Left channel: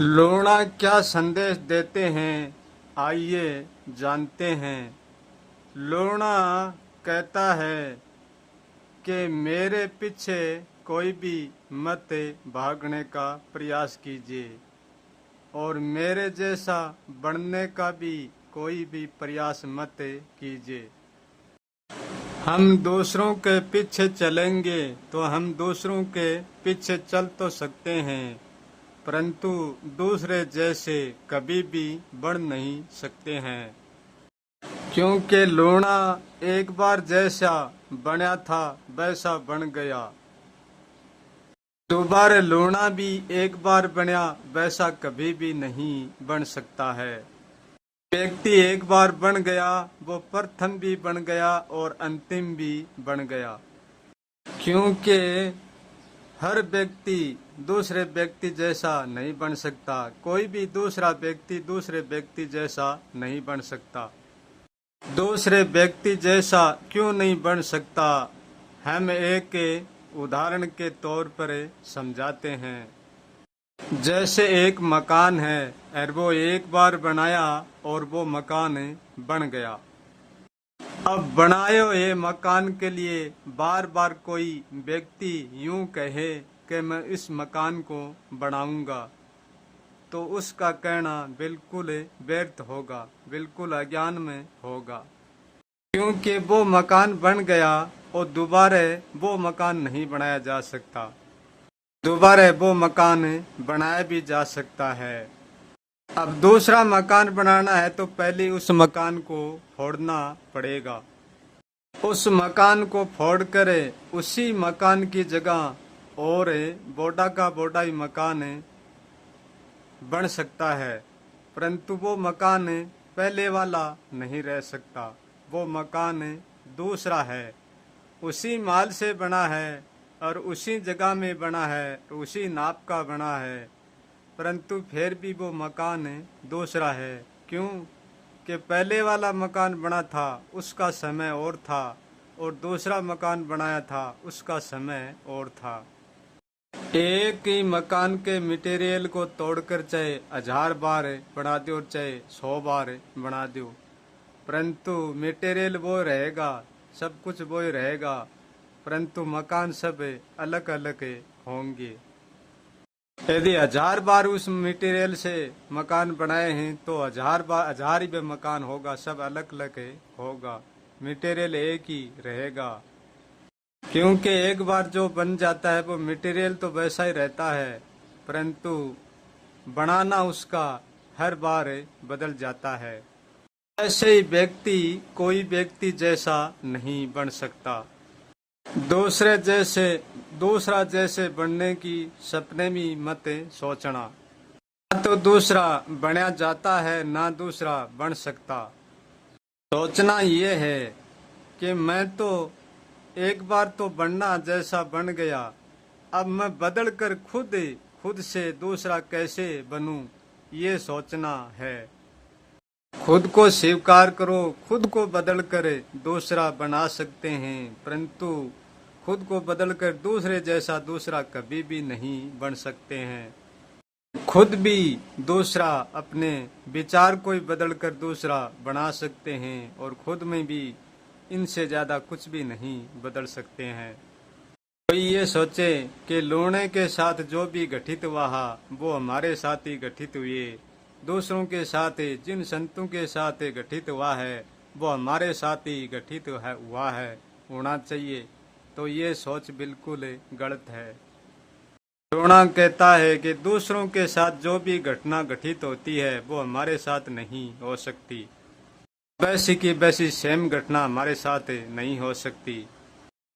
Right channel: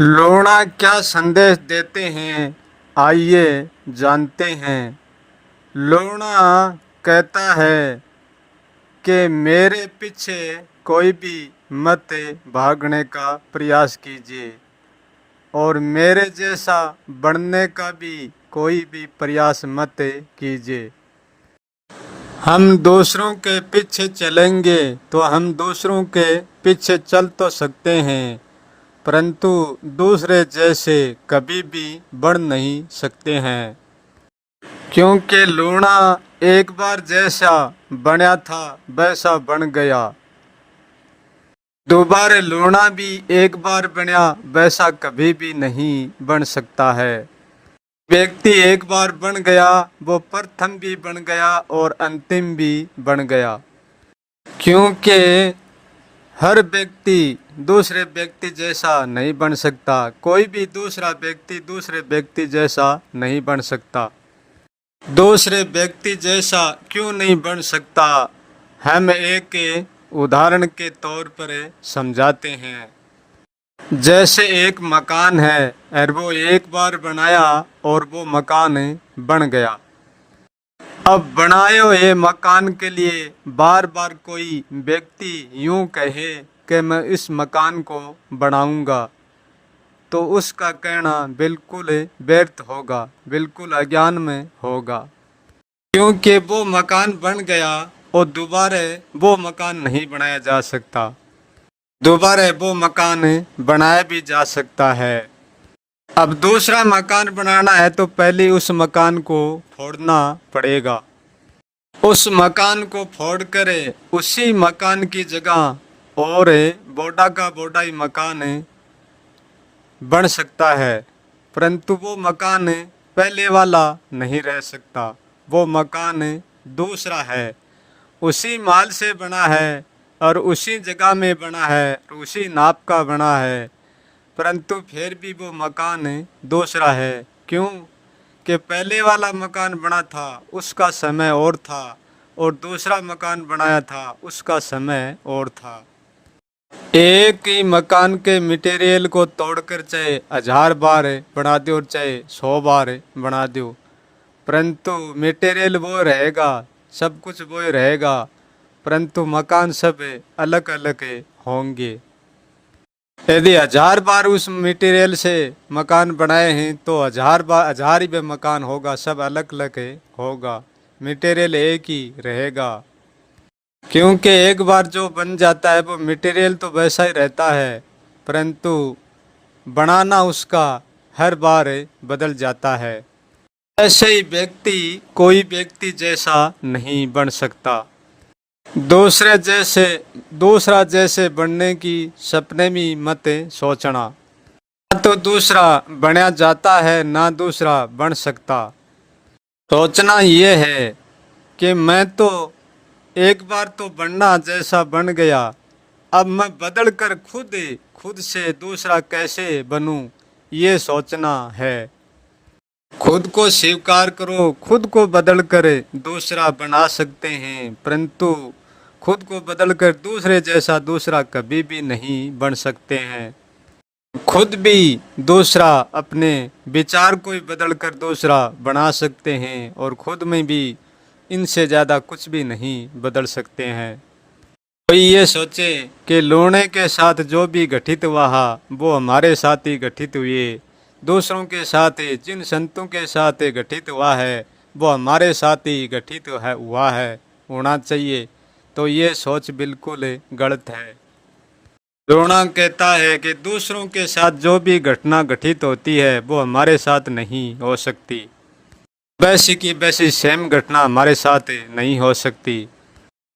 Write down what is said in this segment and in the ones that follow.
लोणा क्या संदेश देते हैं, आइए जानते हैं। लोणा कहता है कि मेरे पीछे कोई भी मत भागने का प्रयास कीजिए और मेरे जैसा बनने का भी कोई भी प्रयास मत कीजिए। हम दूसरों के पीछे चलेंगे तो हम दूसरों के पीछे चल तो सकते हैं, परंतु दूसरे जैसे कभी भी बन नहीं सकते हैं, क्योंकि लूणा एक बार जैसा बना था वैसा बन गया। दोबारा लूणा भी एक बार बना वैसा कभी भी नहीं बन सकता है। व्यक्ति एक बार बन गया वो प्रथम भी बन गया और अंतिम भी बन गया, क्योंकि हर व्यक्ति दूसरे व्यक्ति जैसा नहीं बन सकता। कोई भी दूसरा व्यक्ति दूसरे व्यक्ति जैसा नहीं बन सकता। दूसरे व्यक्ति जैसा क्यों नहीं बन सकता, हम एक उदाहरण के तौर पर समझाते हैं। जैसे एक मकान है और वो एक बार बनाया और वो मकान बन गया। अब बनाए हुए मकान के लिए बार बार कोई व्यक्ति यूं कहे कि मैं इस मकान को बनाऊंगा, तो उसका कहना बिल्कुल व्यर्थ होगा, बिल्कुल अज्ञान में होगा, क्योंकि वो मकान बन गया और दोबारा वो मकान नहीं बनाया जा सकता। दोबारा वो मकान बनाया भी जा सकता है। अब दूसरा मकान बनाना है तो पहले उस मकान को फोड़ना पड़ेगा। उस मकान को फोड़ कर उसी मकान की जगह और बोडा का बोडा ही मकान बन सकता है, परंतु वो मकान पहले वाला नहीं रह सकता। वो मकान दूसरा है, उसी माल से बना है और उसी जगह में बना है, उसी नाप का बना है, परंतु फिर भी वो मकान दूसरा है। क्यों कि पहले वाला मकान बना था उसका समय और था और दूसरा मकान बनाया था उसका समय और था। एक ही मकान के मटेरियल को तोड़कर चाहे 1000 बार बना दो और चाहे 100 बार बना दो, परंतु मटेरियल वो रहेगा, सब कुछ वो ही रहेगा, परंतु मकान सब अलग अलग होंगे। यदि 1000 बार उस मटेरियल से मकान बनाए हैं तो 1000 बार 1000 ही मकान होगा, सब अलग अलग होगा, मटेरियल एक ही रहेगा। क्योंकि एक बार जो बन जाता है वो मटेरियल तो वैसा ही रहता है, परंतु बनाना उसका हर बार बदल जाता है। ऐसे ही व्यक्ति कोई व्यक्ति जैसा नहीं बन सकता। दूसरा जैसे बनने की सपने में मत सोचना। ना तो दूसरा बना जाता है ना दूसरा बन सकता। सोचना ये है कि मैं तो एक बार तो बनना जैसा बन गया, अब मैं बदल कर खुद से दूसरा कैसे बनूं, ये सोचना है। खुद को स्वीकार करो, खुद को बदल कर दूसरा बना सकते हैं, परंतु खुद को बदल कर दूसरे जैसा दूसरा कभी भी नहीं बन सकते हैं। खुद भी दूसरा अपने विचार को ही बदल कर दूसरा बना सकते हैं और खुद में भी इनसे ज़्यादा कुछ भी नहीं बदल सकते हैं। कोई ये सोचे कि लूणे के साथ जो भी घटित हुआ वो हमारे साथ ही घटित हुए, दूसरों के साथ जिन संतों के साथ घटित हुआ है वो हमारे साथ ही घटित हुआ है, होना चाहिए, तो ये सोच बिल्कुल गलत है। द्रोणा कहता है कि दूसरों के साथ जो भी घटना घटित होती है वो हमारे साथ नहीं हो सकती, वैसी की वैसी सेम घटना हमारे साथ नहीं हो सकती।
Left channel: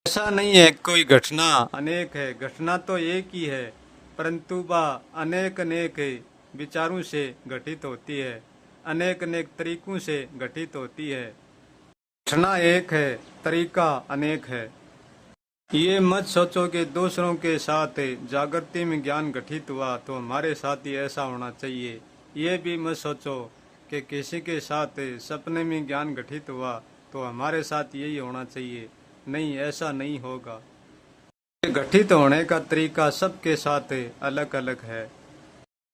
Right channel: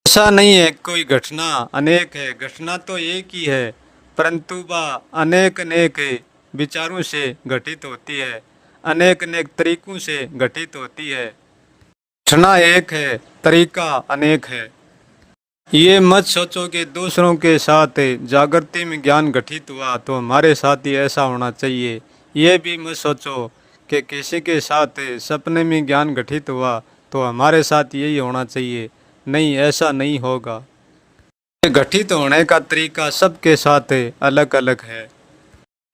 ऐसा नहीं है कोई घटना अनेक है, घटना तो एक ही है, परंतु वह अनेक अनेक विचारों से घटित होती है, अनेक अनेक तरीकों से घटित होती है। घटना एक है, तरीका अनेक है। ये मत सोचो कि दूसरों के साथ जागृति में ज्ञान घटित हुआ तो हमारे साथ ही ऐसा होना चाहिए। ये भी मत सोचो कि किसी के साथ सपने में ज्ञान घटित हुआ तो हमारे साथ यही होना चाहिए। नहीं, ऐसा नहीं होगा। घटित होने का तरीका सबके साथ अलग अलग है।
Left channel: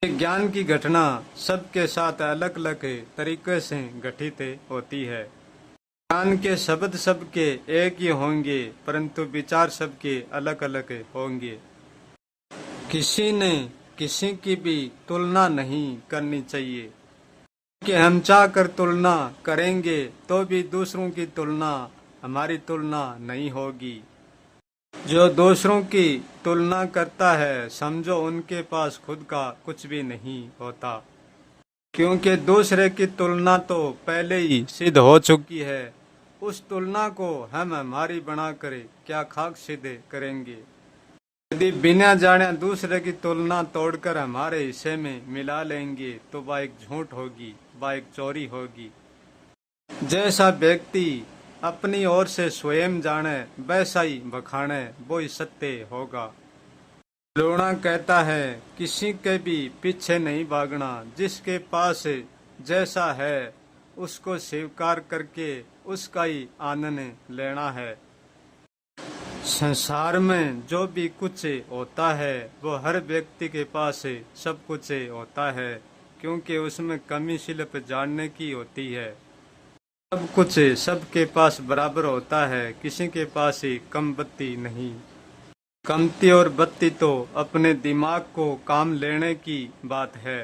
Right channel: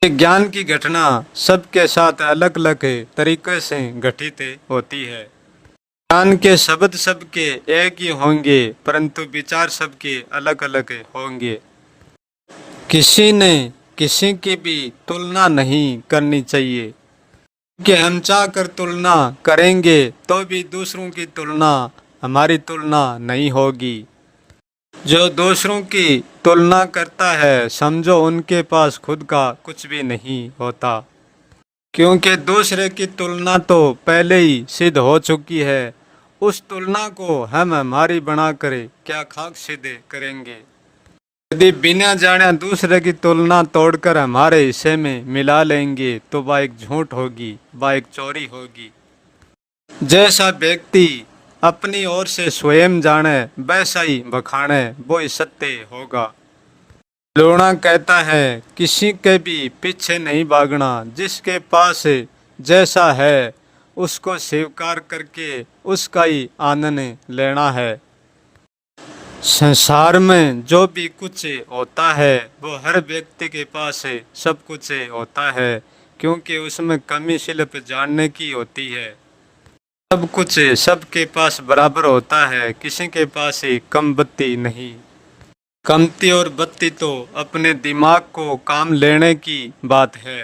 ये ज्ञान की घटना सबके साथ अलग अलग तरीके से घटित होती है। ज्ञान के शब्द सबके एक ही होंगे, परंतु विचार सबके अलग अलग होंगे। किसी ने किसी की भी तुलना नहीं करनी चाहिए, कि हम चाह कर तुलना करेंगे तो भी दूसरों की तुलना हमारी तुलना नहीं होगी। जो दूसरों की तुलना करता है, समझो उनके पास खुद का कुछ भी नहीं होता, क्योंकि दूसरे की तुलना तो पहले ही सिद्ध हो चुकी है। उस तुलना को हम हमारी बनाकर क्या खाक सिद्ध करेंगे। यदि बिना जाने दूसरे की तुलना तोड़कर हमारे हिस्से में मिला लेंगे तो वह एक झूठ होगी, वह एक चोरी होगी। जैसा व्यक्ति अपनी ओर से स्वयं जाने वैसा ही बखाने, वो ही सत्य होगा। लोणा कहता है किसी के भी पीछे नहीं भागना, जिसके पास जैसा है उसको स्वीकार करके उसका ही आनंद लेना है। संसार में जो भी कुछ होता है वो हर व्यक्ति के पास सब कुछ होता है, क्योंकि उसमें कमी सिर्फ जानने की होती है। सब कुछ सबके पास बराबर होता है, किसी के पास ही कम बत्ती नहीं। कमती और बत्ती तो अपने दिमाग को काम लेने की बात है।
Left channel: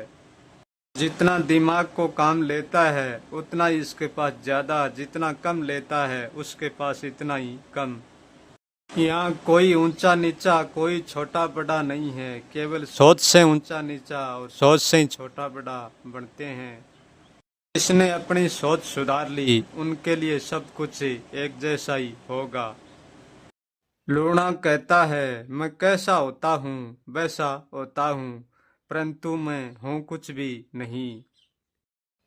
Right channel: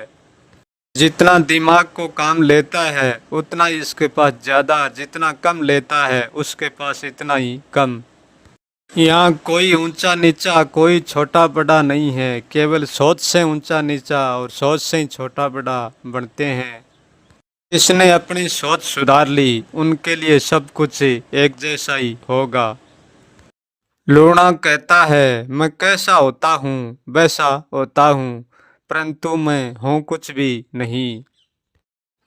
जितना दिमाग को काम लेता है उतना ही इसके पास ज़्यादा, जितना कम लेता है उसके पास इतना ही कम। यहाँ कोई ऊंचा नीचा, कोई छोटा बड़ा नहीं है, केवल सोच से ऊंचा नीचा और सोच से ही छोटा बड़ा बनते हैं। जिसने अपनी सोच सुधार ली उनके लिए सब कुछ एक जैसा ही होगा। लूणा कहता है मैं कैसा होता हूँ वैसा होता हूँ, परंतु मैं हूँ कुछ भी नहीं।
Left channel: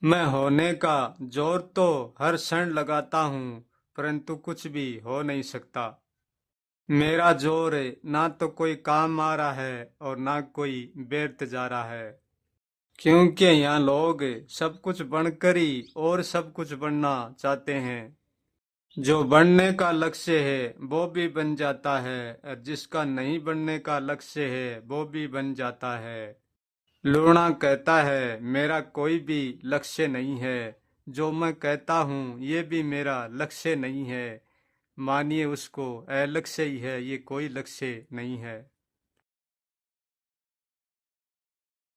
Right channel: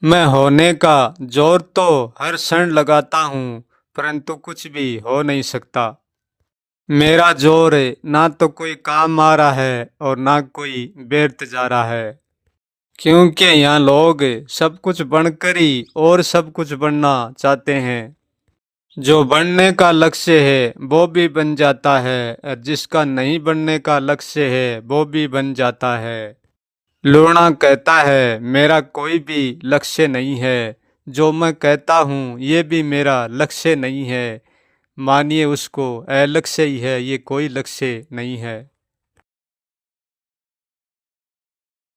मैं होने का जोर तो हर क्षण लगाता हूँ, परंतु कुछ भी हो नहीं सकता। मेरा जोर ना तो कोई काम आ रहा है और ना कोई व्यर्थ जा रहा है, क्योंकि यहाँ लोग सब कुछ बनकर ही और सब कुछ बनना चाहते हैं। जो बनने का लक्ष्य है वो भी बन जाता है, और जिसका नहीं बनने का लक्ष्य है वो भी बन जाता है। लूणा कहता है मेरा कोई भी लक्ष्य नहीं है, जो मैं कहता हूँ ये भी मेरा लक्ष्य नहीं है। मानिए उसको अलक्ष्य ही है, ये कोई लक्ष्य नहीं है।